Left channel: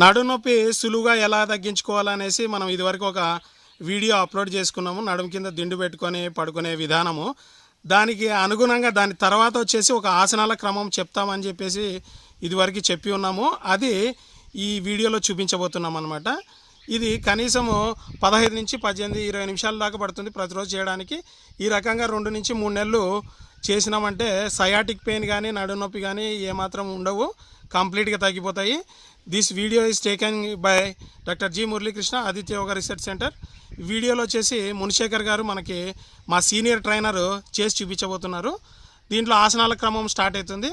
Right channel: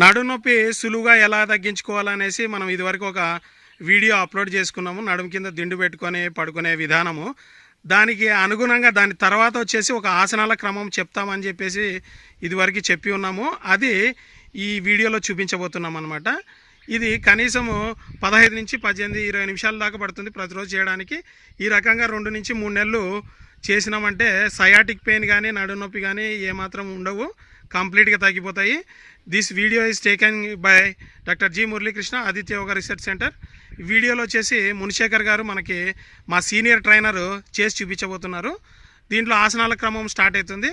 నడునొప్పి సులువుగా ఎలా తగ్గించుకోవాలనేసి మనం ఇదివరకు ఒక వీడియో అప్లోడ్ చేసుకున్నాము. నడుము కింద దిండు పెట్టుకొని పడుకునే విధానము. దానికి అనుగుణంగా దాని తర్వాత వచ్చేసి ఒక ఆసనాల క్రమం చెప్తామని చెప్పేసి ఇదివరకు చెప్పి ఉన్నాము. అది ఈ వీడియోలో చూపించబోతున్నాం అన్నమాట. ఇది కనీసము 15 నుంచి 18, 20 నిమిషాల దాకా పడుతుంది ప్రతిరోజు చేయడానికి. ఈ రకంగా 2 నుంచి 3 నెలలు చేసినామంటే సయాటిక్ పెయిన్ కానీ నడునొప్పి కానీ ఏమాత్రం ఉండవు, కంప్లీట్గా తగ్గిపోతాయి. This video is taken by doctor G Muralikrishna, Aditya yoga research centre. ఈ వీడియోలో వచ్చేసి మునిశేఖర్ గారు మనకి మా సీనియర్ ట్రైనరు చేసి చూపించబోతున్నారు. దీంట్లో ఆసనాల క్రమం స్టార్ట్ అవుతుంది.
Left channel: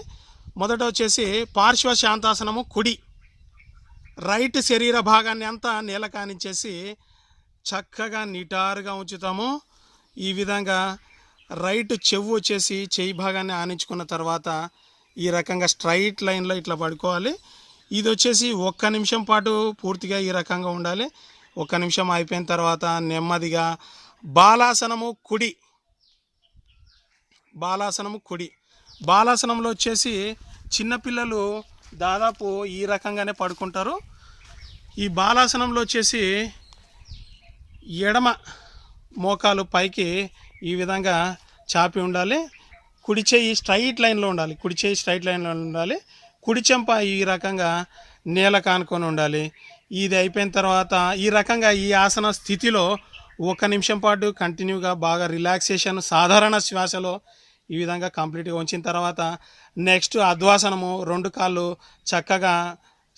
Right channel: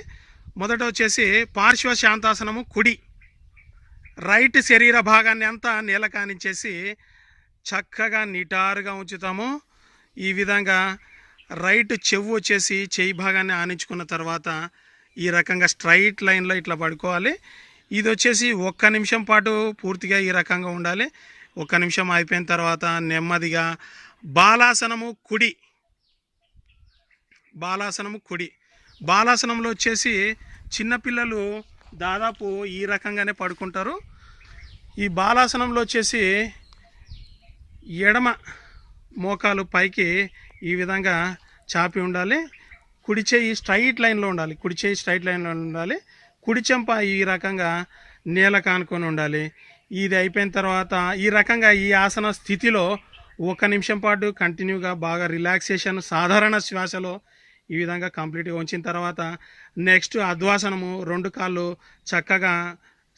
మొదట వచ్చేసి పార్శ్వ శాంతాసనము. కుడి రైట్ శరీర భాగాన్ని అంతా నేల కానించేసి చక్కగా నిటారుగా ఉంచుతాము. ఈ విధంగా రైట్ చెవు వచ్చేసి చెయ్యి భాగాన్ని ఆనించుకున్న తర్వాత ఈ రకంగా స్ట్రైట్ లైన్లో ఇట్లా పడుకోవాలి. ఇది వచ్చేసి 1 నిమిషం పాటు పూర్తిగా ఈ రకంగా ఉండాలి. 1 నిమిషం అయిపోయిన తర్వాత నెమ్మదిగా బాలాసనము. కుడి బాలాసనము. కుడి బాలాసనంలో వచ్చేసి చిన్నపిల్లలు దాదాపు ఈ రకంగానే పడుకుంటారు. ఈ బాలాసనంలో వచ్చేసి ఎడమ మోకాలు పైకి ఈ విధంగా చాపి ఉండాలి. కుడి చేయి స్ట్రైట్ లైన్లో ఉండాలి. కుడి చేయి స్ట్రైట్ లైన్లో ఉండాలి. కుడి చెంప ఈ రకంగా నేల కానుకొని ఉండాలి. ఇది అయిపోయిన తర్వాత ఈ రకంగా ఈ ఆసన స్థితిలో 1 నిమిషం పాటు కంటిన్యూగా బాగా రిలాక్సేషన్ సాధారణ శ్వాసలో ఈ విధంగా కంప్లీట్గా ఉంచిన తర్వాత నెక్స్ట్ అద్వాసనము. 2 కాళ్ళు చక్కగా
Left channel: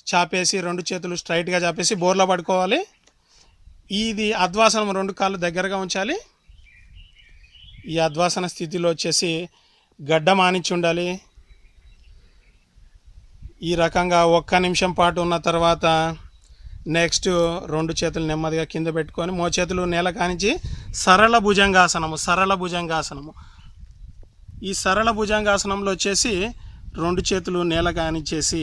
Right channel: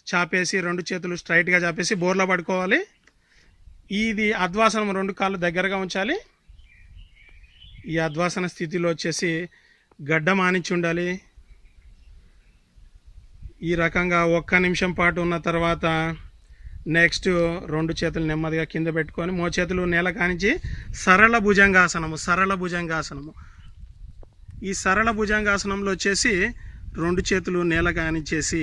చాపేసి 2 చేతులు స్ట్రైట్గా చాపేసి బోర్లా పడుకోవాలి. ఇది అద్వాసనం. 2 కాళ్ళు దగ్గరగా ఉంచాలి. ఈ అద్వాసన స్థితిలో వచ్చేసి గడ్డం ఆనించి ఉండాలి. ఈ రకంగా 1 నిమిషం పాటు ఉన్న తర్వాత నెక్స్ట్ 2 చేతులు నెమ్మదిగా కింద పెట్టుకొని మోచేతులు నేల కానించి సరళ భుజంగాసనము. సరళ భుజంగాసనము. ఈ సరళ భుజంగాసనంలో వచ్చేసి 2 చేతులు నేల కానిచ్చేసి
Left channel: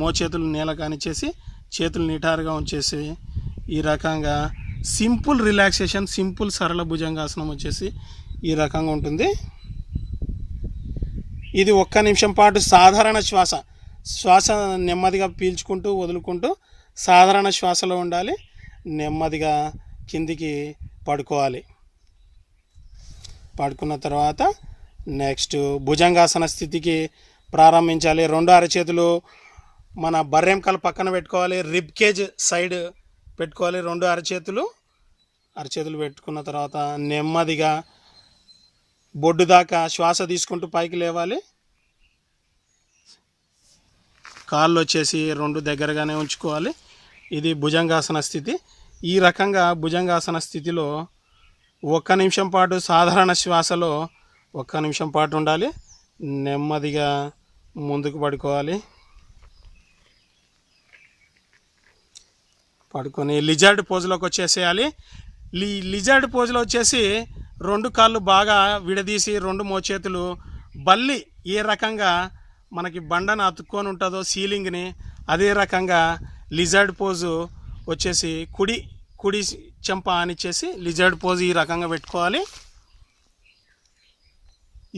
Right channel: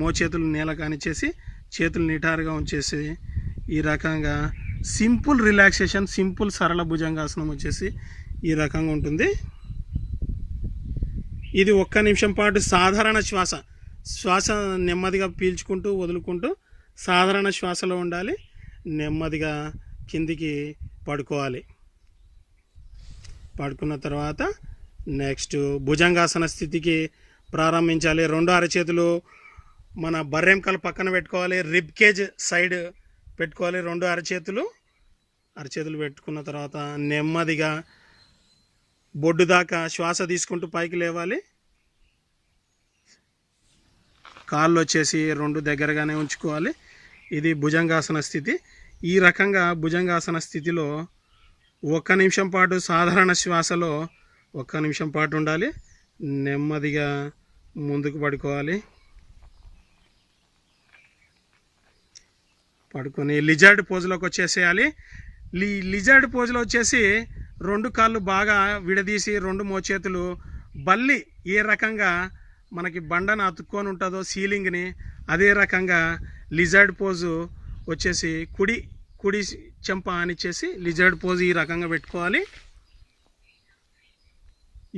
మోచేతులు నేల కానిచ్చేసి చేతులు నిటారుగా ఉంచేసి ఈ రకంగా సింపుల్ రిలాక్సేషన్, సింపుల్ సరళ భుజంగాసనం వచ్చేసి ఈ రకంగా ఉంటుంది. ఇది 1 నిమిషం పాటు సాధారణ శ్వాస నెమ్మదిగా పీల్చుకుంటూ వదులుకుంటూ సాధారణ శ్వాసలో ఉండాలి. నెమ్మదిగా కిందికి పడుకోవాలి. పడుకున్న తర్వాత నెక్స్ట్ భుజంగాసన స్థితికి ప్రారంభించాలి. 2 అరచేతులు మన బర్రెంకాలు పక్కన పెట్టుకోవాలి. రిబ్ కేజ్ సైడ్ పెట్టుకోవాలి. 2 అరచేతులు పెట్టుకున్న తర్వాత నెమ్మదిగా బొడ్డు దాకా శ్వాస తీసుకుంటూ పైకి లేవాలి. కాళ్ళు వచ్చేసి 2 దగ్గరగానే ఉంచుకోవాలి. ఇది భుజంగాసన స్థితి. ఈ రకంగా భుజంగాసన స్థితిలో 1 నిమిషం పాటు సాధారణ శ్వాసలో 1 నిమిషం పాటు ఉండాలి. నెమ్మదిగా ముందుకు పడుకోవాలి. పడుకొని లిజర్డ్ పోజులోకి వచ్చేసేయాలి. లిజర్డ్ పోజులో వచ్చేసి 2 కాళ్ళు బాగా విడదీసి 2 మోచేతులు బల్లి ఏ రకంగా మనకి బండను అతుక్కొని ఉంటుందో సీలింగ్ని, అదే రకంగా లిజర్డ్ పోజు వచ్చేసి కుడి చెంప ఆనిచ్చేసి లిజర్డ్ పోజు ఈ రకంగా పెట్టుకోవాలి.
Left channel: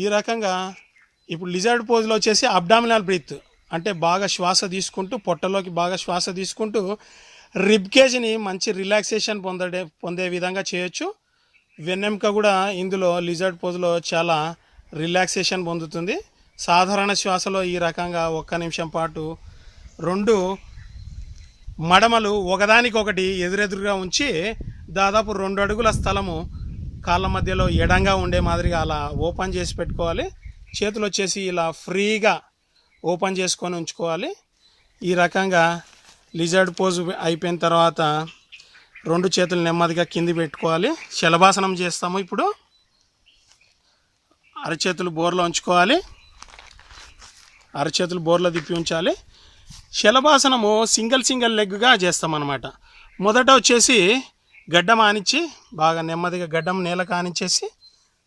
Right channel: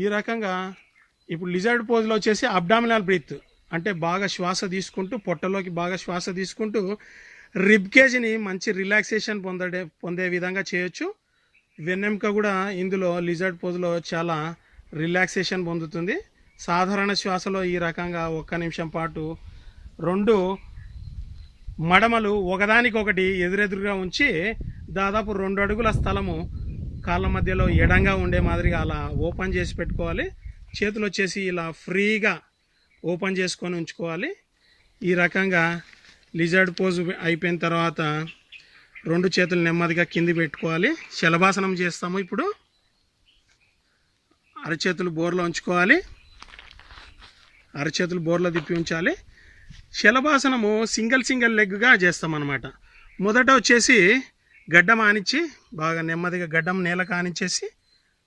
ఈ రకంగా ఇప్పుడు లిజర్డ్ పోజులో వచ్చేసి అబ్డామినల్ బ్రీత్ అంటే బాగా శ్వాస తీసుకుంటూ పొట్టలోకి బాగా శ్వాస తీసుకుంటూ రిబ్ కేజ్ని మంచి రిలాక్సేషన్ పొందే విధంగా చేయొచ్చు. వెన్నెముక కూడా ఇందులో లిజర్డ్ పోజులో చాలా రిలాక్సేషన్ పొందుతుంది. సాధారణ శ్వాసలో ఈ రకంగా 1 నిమిషం పాటు 2 మడమలు ఒకదానికొకటి ఎదురెదురుగా ఉంచి దాదాపు 2 అడుగుల స్థలము కాళ్ళ మధ్యలో ఎడంగా ఉండే మాదిరిగా అలా ఓపెన్ చేసి పెట్టుకోవాలి. చేతులు వచ్చేసి ఇలా ఫ్రీగా ఓపెన్ చేసుకొని ఉంచుకోవాలి. ఈ రకంగా లిజర్డ్ పోజు అయిపోయిన తర్వాత 2 చేతులు నెమ్మదిగా కింది పెట్టుకోవాలి. శలభాసనం చేస్తాము. ఇప్పుడు అరచేతులు బోర్లో ఉంచుకోవాలి. అరచేతులు బోర్లో తిప్పి ఉంచాలి. శలభాసనము సింగిల్ లెగ్గా చేస్తామన్నమాట. మొదట వచ్చేసి గడ్డం ఆనిచ్చి బాగా నెమ్మదిగా గడ్డం నేల కానిచ్చేసి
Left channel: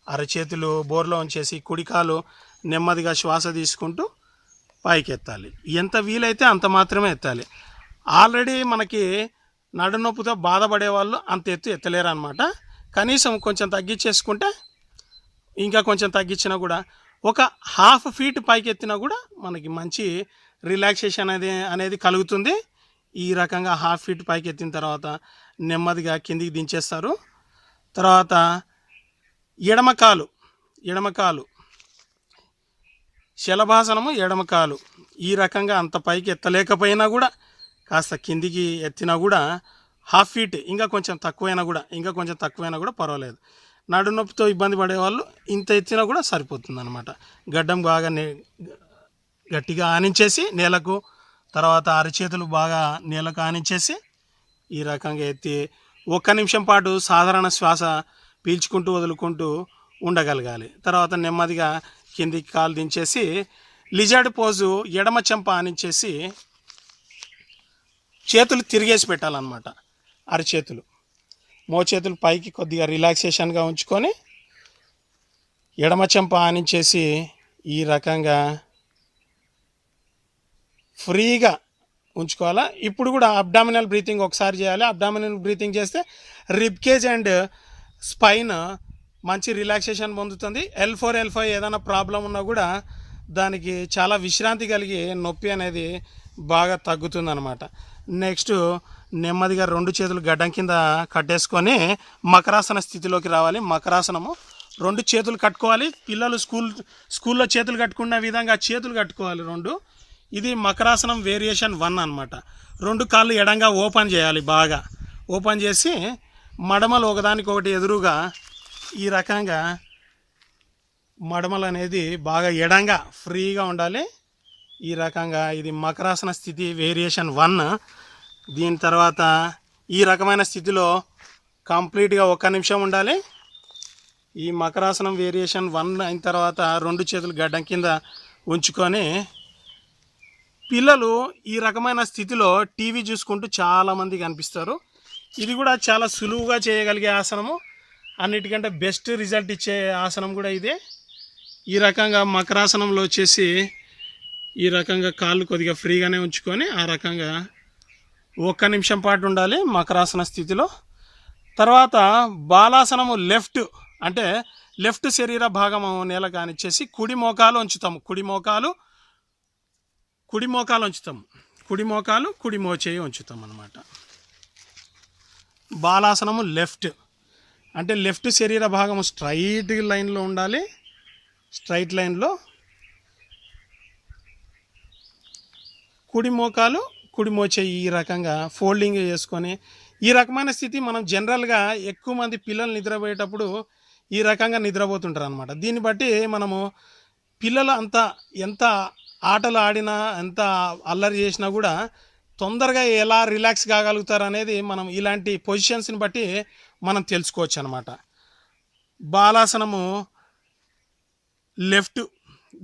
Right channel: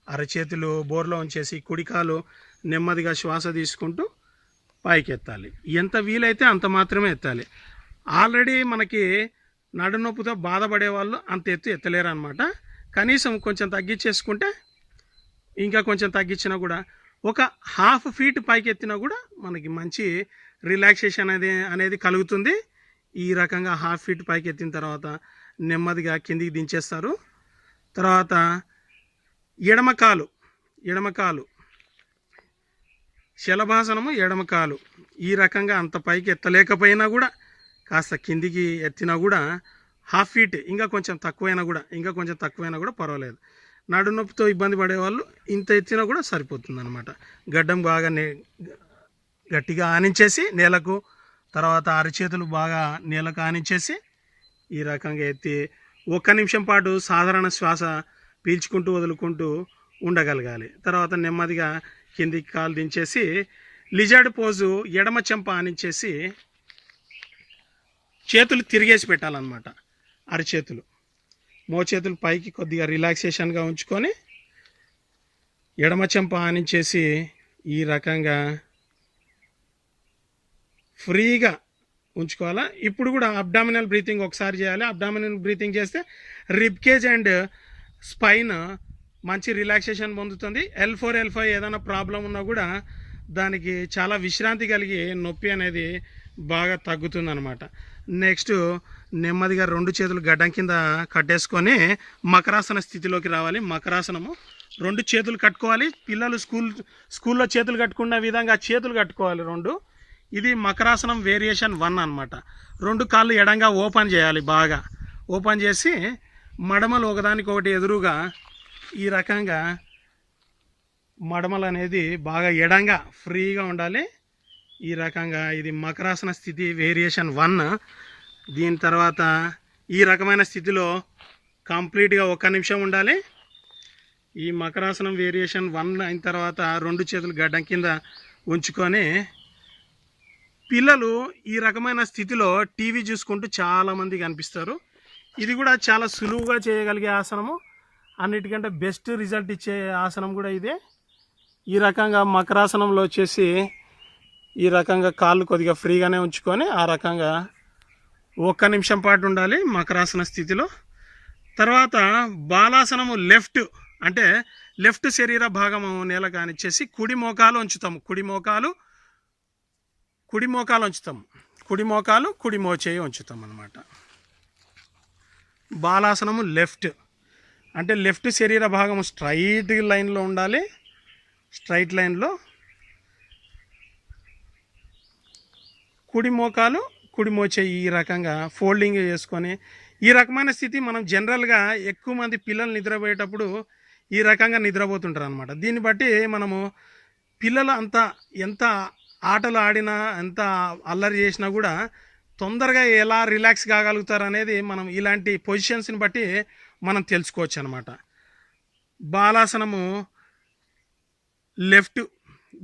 అరచేతులు బోర్లో ఉంచేసి కుడికాలు నెమ్మదిగా శ్వాస తీసుకుంటూ పైకి ఎత్తాలి. ఎంత వీలైతే అంత మాత్రమే ఎత్తాలి. ఆల్రెడీ మనకి నడునొప్పితో బాధపడే వాళ్ళు అంత ఎత్తలేరు అనమాట. కనీసం కొంచెం తగ్గించేసుకుంటే ఇంకా కొంచెం తగ్గించినా కూడా ఒక హాఫ్ ఫీట్ పైకి ఎత్తినా కూడా మనకి మంచి రిలాక్సేషన్ అనేది కలుగుతుంది. ఈ రకంగా హాఫ్ ఫీట్ పైకి ఎత్తిన తర్వాత నెమ్మదిగా కిందికి దించేస్తారు. తర్వాత ఎడమకాలు శలభాసనము, ఎడమకాలు ఈ రకంగా అంత పైకి ఎత్తలేకపోయినా కూడా కాస్త కిందికి ఎత్తినా కూడా హాఫ్ ఫీట్ ఇంకా కొంచెం తక్కువైనా కూడా పర్వాలేదు. నడు నొప్పితో ఇబ్బంది పడేవాళ్ళు ఇంత ఎత్తినా కూడా సరిపోతుంది అనమాట. గడ్డం బాగా గట్టిగా ఆనించేసి నేలకు, తర్వాత అరచేతులు బాగా నేలకు ఆనించేసి ఈ రకంగా ఎత్తి 1 నిమిషం పాటు సాధారణ శ్వాస పీల్చుకుంటూ వదులుకుంటూ ఉండగలగాలి. తర్వాత నెమ్మదిగా కిందికి కాలు దించేసి లిజర్డ్ పోజు ఎడమ చెంప ఆనించేసి చేతులు తిరిగేసి పెట్టాలన్నమాట. అరచేతులు, మోచేతులు పైకి కొద్దిగా రిలాక్సేషన్గా ఉంచుకొని ఎడమ చెంప ఆనించేసి ఈ రకంగా ఫ్రీగా ఉంచుకోవాలా. ఇప్పుడు కూడా అబ్డామినల్ బ్రీతింగ్ ఒకసారి చేయాలి. అబ్డామినల్ బ్రీతింగ్ చేస్తే రిబ్ కేజ్ అండ్ స్పైన్ మంచి రిలాక్సేషన్ పొందుతుంది. L4 L5 ఏదైనా ప్రాబ్లం ఉన్నా కూడా దానికి చాలా విశ్రాంతి కలిగి నొప్పి అనేది బాగా తగ్గుతుంది అనమాట. నెక్స్ట్ నెమ్మదిగా 2 చేతులు గడ్డం కింద కట్టేసుకొని మకరాసన స్థితిలోకి రావాలి. మకరాసనము 2 చేతులు కట్టుకోవాలి. పిల్లలు స్కూల్లో చేతులు కట్టుకున్న విధంగా చేతులు కట్టుకోవాలి 2. ఇది మకరాసనం వేరియేషన్ 1 అనమాట. 2 కాళ్ళు ఎడంగా ఓపెన్ చేయాలి. బాగా ఓపెన్ చేసి మడమలు ఒకదానికొకటి ఎదురుగా ఈ రకంగా మడమలు అనేది బాగా ఎడంగా ఫ్రీగా ఉండాలి. ఈ రకంగా ఇది మకరాసన స్థితి వేరియేషన్ 1. దీని తర్వాత ఈ రకమైన స్థితిలో కంప్లీట్గా 1 నిమిషం ఉండాలి. ఈ మకరాసనం వేరియేషన్ 1 అయిన తర్వాత 2 చేతులు గడ్డం కింద ఉంచుకొని పిల్లలు ఈ రకమైన స్థితిలో టీవీ చూసుకుంటూ చాలామంది కనిపిస్తారు. ఇది కూడా చాలా సులువుగా చేయగలిగే ఆసనము. అన్నిటికంటే బెస్ట్ రిజల్ట్ ఇచ్చే ఆసనం కూడా ఇదే. ఈ రకంగా మకరాసనంలో వచ్చేసి ఈ రకంగా కాళ్ళు కొద్దిగా ఫ్రీగానే ఉంచుకొని ఆ రకంగా 1 నిమిషం పాటు ఉండాలి మకరాసన స్థితిలో. తర్వాత బాలాసనము అంటే లెఫ్ట్ శరీర భాగము నేల కానిచ్చేసి కుడి మోకాలు ఉంచుతాము. కుడి మోకాలు కుడి మోచేయి ఉంచుతాం అన్నమాట. బాలాసనము అంటే లెఫ్ట్ శరీర భాగము స్ట్రైట్ లైన్లో ఉండాలి. స్ట్రైట్ లైన్లో కుడి మోకాలు కుడి మోచేయి ఈ రకంగా ఫోల్డింగ్ చేసుకొని ఈ రకమైన స్థితి మనం జనరల్గా ఎక్కువ మంది పిల్లలు నిద్రపోయేటప్పుడు ఈ రకంగా నిద్రపోతుంటారు అనమాట. దీన్ని బట్టి మనము పిల్లలు ఎంత ఆటలు ఆడినా ఎంత అల్లరి చేసినా కూడా తొందరగా ఎలా రిలాక్స్ కాగలుగుతారు అనేది మనం ఇలాంటి పొజిషన్స్ని బట్టి మనం తెలుసుకోవచ్చు అనమాట. బాలాసనము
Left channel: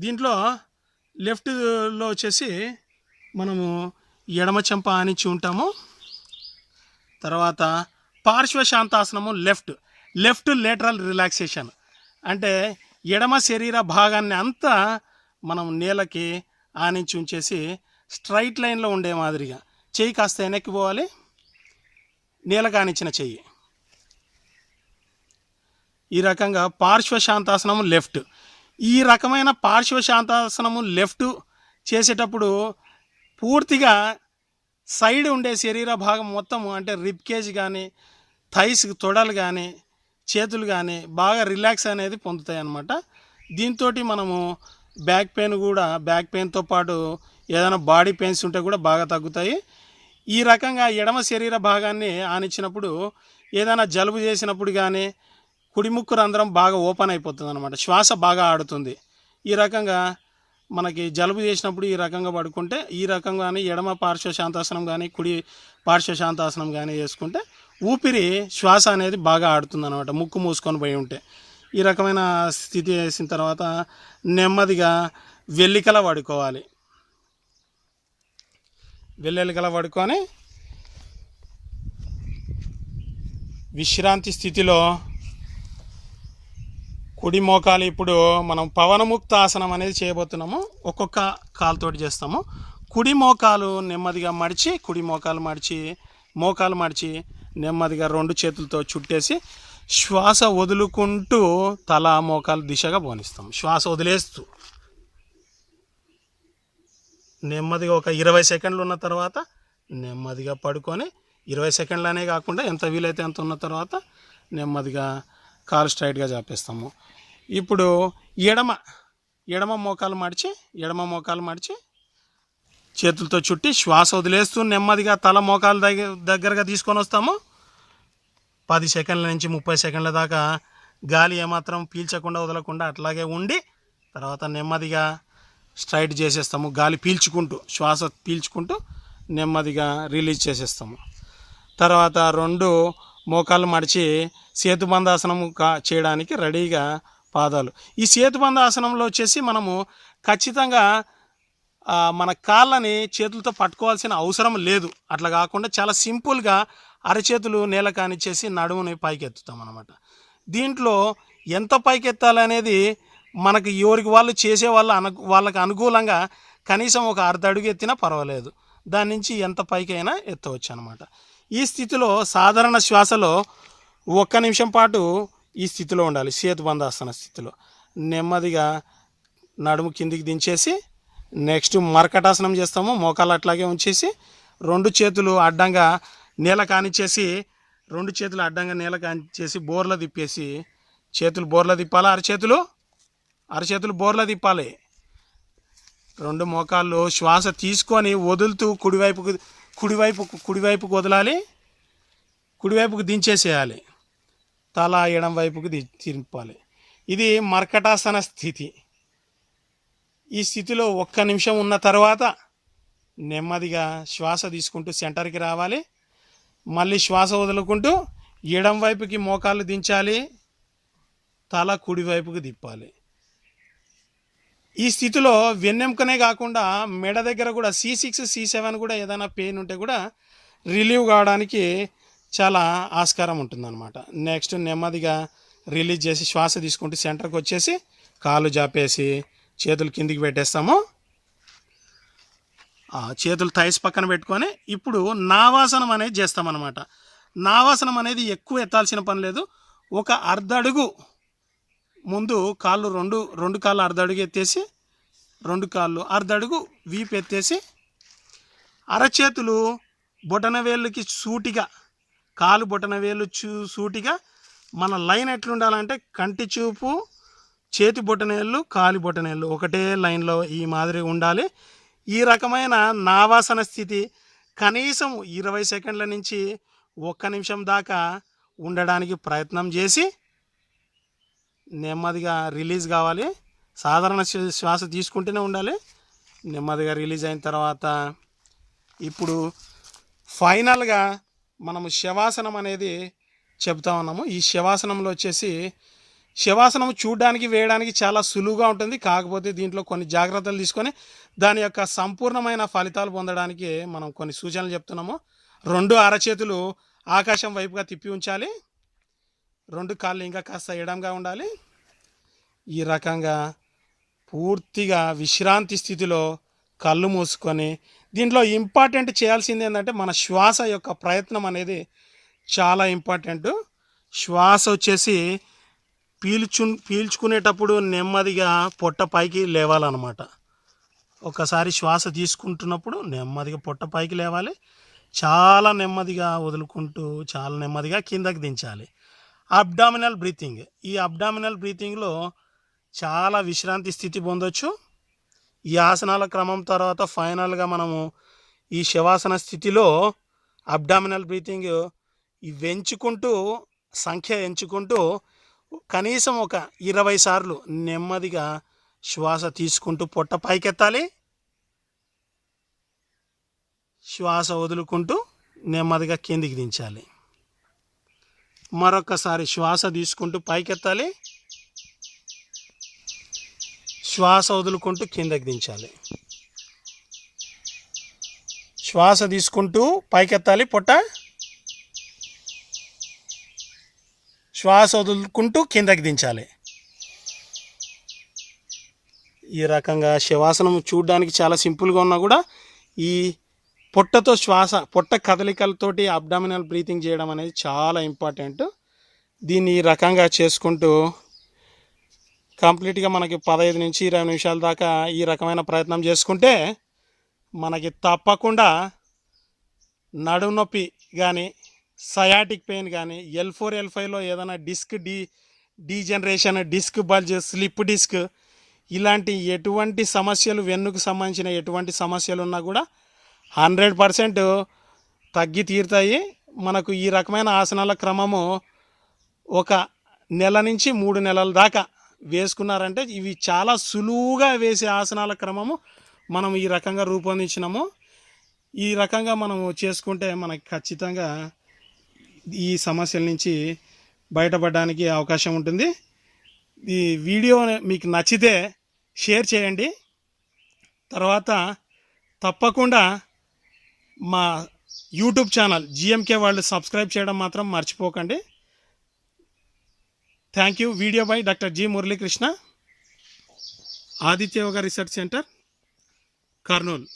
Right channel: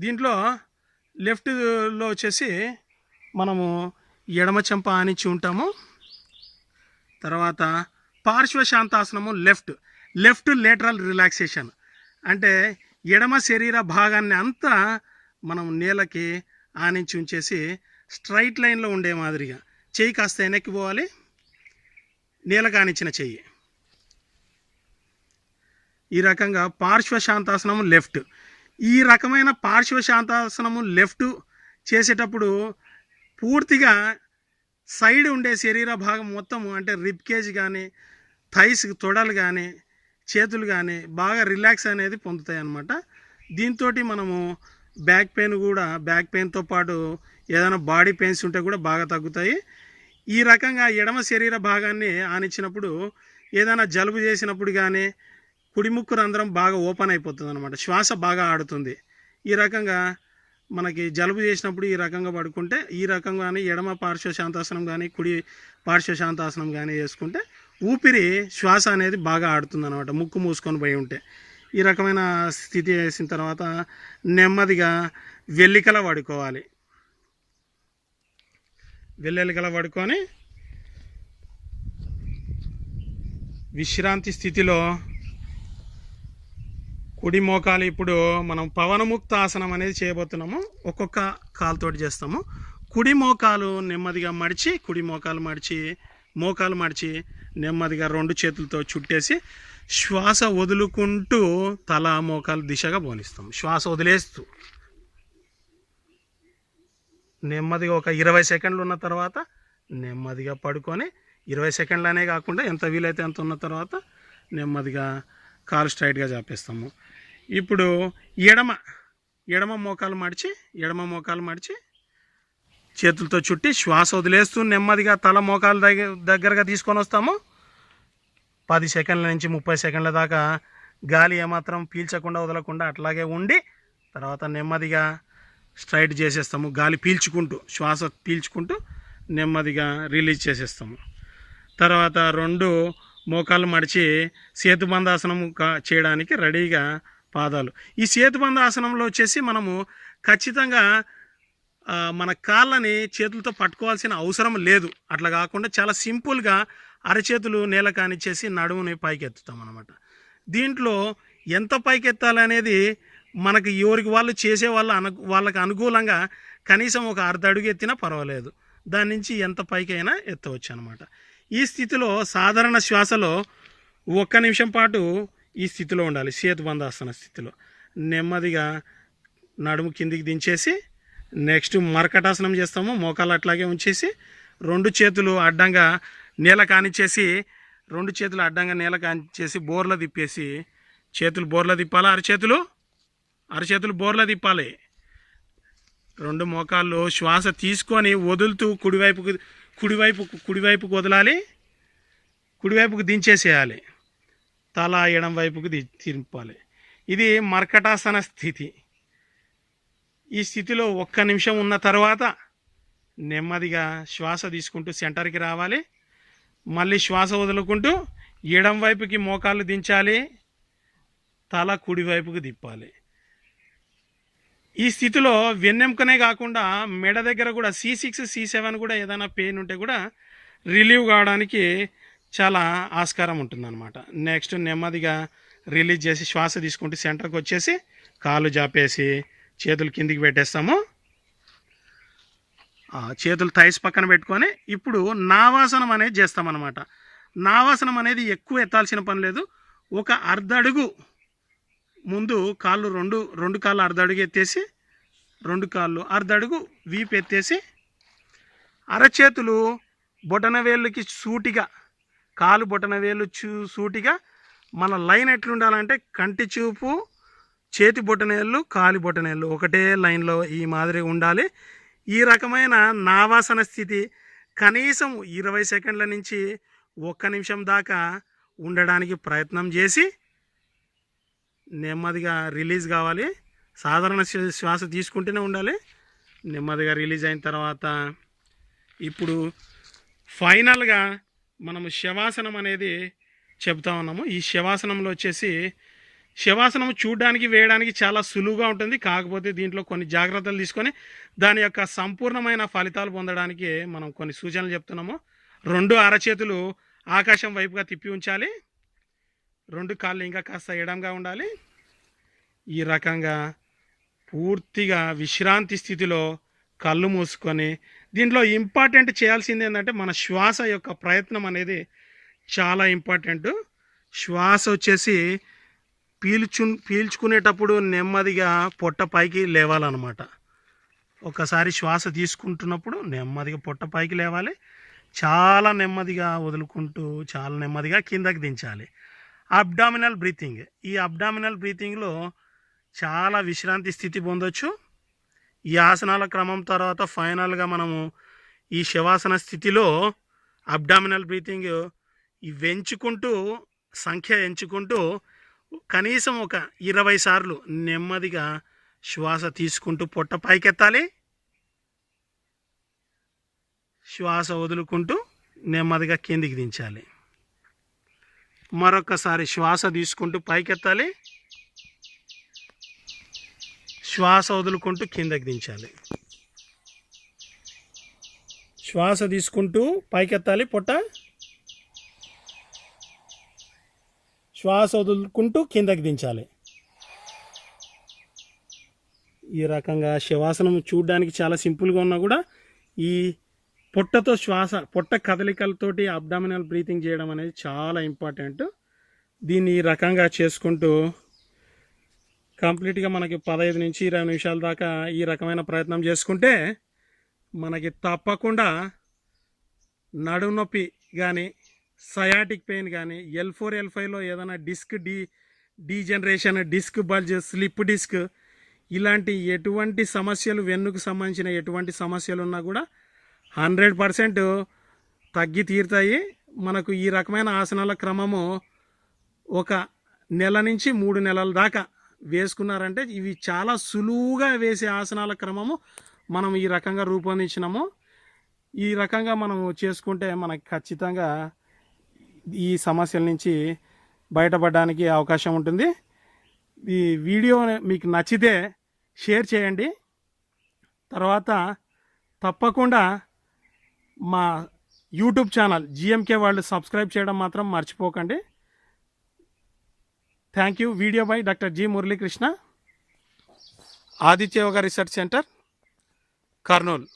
దీంట్లో లెఫ్ట్లో వచ్చేసి మనము ఎడమ చెంప ఆనించి ఉంటాము. తర్వాత పార్శ్వ శాంతాసనము లెఫ్ట్ లేటరల్ రిలాక్సేషన్ అంటే ఎడమ శరీర భాగాన్ని అంతా మనం నేలకి ఆనించి ఉంచేసి స్ట్రైట్ లైన్లో ఉండే మాదిరిగా చెయ్యి కాస్త వెనక్కి పోవాలి. నేలకు ఆనించిన చెయ్యి ఈ రకంగా పార్శ్వ శాంతాసనము ఈ రకమైన పార్శ్వ శాంతాసనము చేసేటప్పుడు పూర్తిగా సైడ్ ఉండే శరీర భాగం మొత్తము అంటే రిబ్ కేజ్ కానీ థైస్ తొడలు కానీ చేతులు కానీ బాగా రిలాక్స్ అనేది పొందుతాయి అన్నమాట. దీంతో మనము బ్యాక్ పెయిన్తో పాటు ఏదైనా బాడీ పెయిన్స్ ఉంటే కూడా బాగా తగ్గుతాయి. ఈ రకంగా ఎడమ శరీర భాగాన్ని ఆనిచ్చినప్పుడు ఏదైనా జలుబు చేసినప్పుడు కానీ కుడి ముక్కు రంధ్రం బాగా ఓపెన్ అయిపోతుంది అనమాట. శ్వాస బాగా ఆడుతుంది. ఈ రకంగా మనకి జలుబు చేసినప్పుడు ఈ రకంగా పడుకుంటే ఈ రకంగానే ఎడమ పార్శ్వ శాంతాసనం కానీ కుడి పార్శ్వ శాంతాసనం కానీ చేసుకుంటే శ్వాస అనేది బాగా ఆడుతుంది అనమాట. ముక్కు మూసుకొని పోయి ఉంటే ఈ రకమైన స్థితి వేసిన తర్వాత నెమ్మదిగా వెల్లికల పడుకోవాలి. వెల్లెలికల పడుకొని విశ్రాంతి స్థితిలో కుడి మోకాలు ఇప్పుడు మనం పవనముక్త ఆసనం అనేది చేయబోతున్నాము. ఒక్కొక్క కాలుతోటి చేస్తాము. కుడి మోకాలు నెమ్మదిగా మోకాలు మడిచి నెమ్మదిగా 2 చేతులతో చుట్టేసి శ్వాస వదులుకుంటూ తల మోకాలు దిశగా పోనిస్తాం. శ్వాస వదిలేస్తూ నెమ్మదిగా ఒక 20 సెకండ్లు ఉన్న తర్వాత నెమ్మదిగా పడుకొని 20 సెకండ్లనే కాకుండా ఎంత వీలైతే అంత ఉన్న తర్వాత నెమ్మదిగా కాలు స్ట్రైట్గా చాపేస్తాము. ఇప్పుడు ఎడమ మోకాలు మడిచి చేతులతో చుట్టి శ్వాస వదిలేస్తూ నెమ్మదిగా తల మోకాలు దగ్గరగా తీసుకొని వస్తాము. 10 సెకండ్ల నుంచి 30 సెకండ్ల దాకా గాలి ఏమాత్రం పీల్చకుండా వదలకుండా అట్లాగే ఉండి తర్వాత నెమ్మదిగా స్ట్రైట్ చేసేస్తాము. గాలి పీల్చుకుంటూ శ్వాస పీల్చుకుంటూ నెమ్మదిగా రిలీజ్ చేసేస్తాము. తర్వాత 2 మోకాళ్ళు మడిచి సేతుబంధాసనం చేయడానికి రెడీగా పాదాలు. ఈ సేతుబంధాసనంలో వచ్చేసి మనము ఖచ్చితంగా మన కాళ్ళని చేతులతో పట్టుకోవాల్సిన అవసరం లేదు. అట్లా కాకుండా చాలా సింపుల్గా అరచేతులు నేల కానిచ్చేసి నడుముని పైకెత్తుతాం అన్నమాట. దీంట్లో ఎంత పైకెత్తాలనేది మనకి ఎవరికి వాళ్ళు చేసే వాళ్ళకి అనుకూలంగా కనీసం ఒక అర్ధ అడుగు ఎత్తినా పర్వాలేదు. దాని నుంచి ఎంత పైకైనా ఎత్తవచ్చు అనమాట. ఈ స్థితిలో సాధారణ శ్వాసలో 1 నిమిషం పాటు ఈ స్థితిలో ఉండాలి. సేతుబంధాసన స్థితిలో నెమ్మదిగా నడుము కిందికి దించేసి నెక్స్ట్ మర్కటాసనం చేస్తాము. మోకాలు అట్లాగే ఉంచేసి 2 చేతులు అడ్డంగా నేల కానిచ్చేసి బోర్ల తిప్పేసి చేతులు బోర్ల తిప్పాలి. అరచేతులు బోర్ల తిప్పాలి. 2 మోకాళ్ళు శ్వాస తీసుకొని వదులుతూ కుడివైపుకు వదలాలి. కుడివైపుకు దించేసేయాలి. తల ఎడం వైపుకు తింపాలి. ఇది మర్కటాసన స్థితి. ఈ స్థితిలో 1 నిమిషం ఉన్న తర్వాత నెమ్మదిగా శ్వాస తీసుకుంటూ సెంటర్కి రావాలి. మళ్ళీ శ్వాస వదులుకుంటూ ఎడం వైపుకి మోకాళ్ళు దించాలి. తల కుడివైపుకు తిప్పాలి. ఈ స్థితిలో వెన్నెముకనే కాకుండా మెడ దగ్గర కూడా C6 C7 కూడా ఏదైనా పెయిన్ ఉంటే కూడా రిలీవ్ కావడానికి చాలా ఆస్కారం ఉంటుందన్నమాట. నెక్స్ట్ నెమ్మదిగా రిలీజ్ చేసి శ్వాస తీసుకుంటూ సెంటర్కి వచ్చేసి కాళ్ళు జాపేసి చేతులు కిందికి పెట్టేస్తాము. చేతులు థైస్ పక్కన పెట్టుకొని ఇప్పుడు నావాసనం అనేది చేస్తామన్నమాట. నావాసనం అనేది ఎక్కువ ఎత్తాల్సిన పని లేదు. ఒక అర్ధ అడుగు ముందు కాళ్ళు రెండు కాళ్ళు అర్ధ అడుగు ఎత్తేసి 2 కాళ్ళు అర్ధ అడుగు వీపు ఎత్తేసి అరచేతులు బొటనవేళ్ళకి సూటిగా కాలు బొటనవేళ్ళు సూటిగా మన లైన్ ఎట్లుండాలంటే కంటి చూపు చేతి బొటనేళ్ళు కాలి బొటనేళ్ళు ఒకటే లైన్లో ఈ మాదిరి ఉండాలి. ఈ రకమైన నావాసన స్థితి కనీసం 20 సెకండ్ల నుంచి 1 నిమిషం దాకా ఉండడానికి ప్రయత్నం చేసి నెమ్మదిగా రిలీజ్ కావాలి. సాధారణ శ్వాస తీసుకుంటూనే ఉండాలి. నెమ్మదిగా రిలీజ్ అయిన తర్వాత ఇప్పుడు ఫైనల్గా మనము శవాసనం అనేది చెప్తా ఉన్నాము. ఈ శవాసనంలో వచ్చేసి శవాసనం చూడడానికి వేయడానికి చాలా సులువుగా ఉంటుంది. కాకపోతే దీంట్లో కొన్ని జాగ్రత్తలు తీసుకొని దాని యొక్క సంపూర్ణమైన ఫలితాలు పొందడానికి మనం కొన్ని సూచనలు చెప్తున్నాము. 2 అరచేతులు ఆకాశం వైపుగా తిప్పి ఉంచాలి. 2 కాళ్ళు ఇంకా కాస్త ఎడంగా ఉండాలి. ఈ రకంగా పూర్తిగా విశ్రాంతి స్థితిలో కళ్ళు మూసుకొని దీంట్లో ఇంపార్టెంట్ చేయాల్సింది ఏంటంటే మన శ్వాస యొక్క ప్రయత్నం అనేది చాలా ఇంపార్టెంట్. శ్వాస వచ్చేసి పీల్చుకునేటప్పుడు నెమ్మదిగా పొట్ట పైకి లేవాలన్నమాట. ఒకసారి శ్వాస తీసుకుంటున్నప్పుడు నెమ్మదిగా పొట్ట పైకి లేవాలి. చాలా నెమ్మదిగా వదులుకుంటూ చాలా నెమ్మదిగా కిందకి దించాలి. Abdominal breathing. ఈ అబ్డామినల్ బ్రీతింగ్లో చాలా విశ్రాంతి స్థితి పొందొచ్చు. ఈ ఆసనాల క్రమం తర్వాత ఫైనల్గా మనము ఈ శవాసన స్థితిలో అబ్డామినల్ బ్రీతింగ్ సంఖ్య ఎంచుకుంటూ కనీసం ఒక 20 సార్లు నెమ్మదిగా శ్వాస తీసుకుంటూ పొట్ట పైకెత్తాలి. శ్వాస వదులుకుంటూ నెమ్మదిగా కిందికి దించాలి. మరొకసారి శ్వాస తీసుకుంటూ పైకెత్తాలి. శ్వాస వదులుకుంటూ కిందకి దించాలి. శ్వాస తీసుకుంటూ పైకెత్తాలి పొట్ట. శ్వాస వదులుకుంటూ కిందకి దించాలి. ఈ రకంగా శవాసనం చూడడానికి చాలా సింపుల్గా ఉన్నా కూడా ఈ పొట్ట కదలికలతోటి అబ్డామినల్ బ్రీతింగ్ చేయడం అనేది చాలా ఇంపార్టెంట్. దీన్ని ఈ రకంగా చేసుకుంటూ కంప్లీట్గా మనకి 15 నుంచి 20 నిమిషాల దాకా ఈ రకమైన ప్రయత్నం చేసుకుంటే మనకి తప్పకుండా నడుము నొప్పి కానీ, సయాటిక్ పెయిన్ కానీ, L4, L5లో ఏదైనా degeneration, disc bulge, slip disc ఇలాంటి ఎటువంటి సమస్యలు, వెన్నుకు సంబంధించిన ఎటువంటి సమస్యలు ఉన్నా కూడా 100% తగ్గి తీరుతాయి. మనకు ఈ రకమైన ఆసనాల క్రమము ఒక నెల నుంచి 3 నెలల దాకా వేసుకున్నారంటే ఇవి చాలా సులువుగా వేసే ఆసనాల క్రమము మనం ఈ రకంగా రూపొందించినాము. ఈ రకంగా మనం చేసుకుంటే మనకి ఖచ్చితంగా ఈ సమస్యల నుంచి బయటపడడానికి అవకాశం ఉంటుంది. ఈ వీడియో మీకు నచ్చితే షేర్ చేయండి. తర్వాత తప్పకుండా మా యూట్యూబ్ ఛానల్ జిఎంకే వాళ్ళు సబ్స్క్రైబ్ చేయడం మాత్రం మర్చిపోకండి. Thank you. Video by doctor G Muralikrishna, Aditya yoga research centre, Kurnool.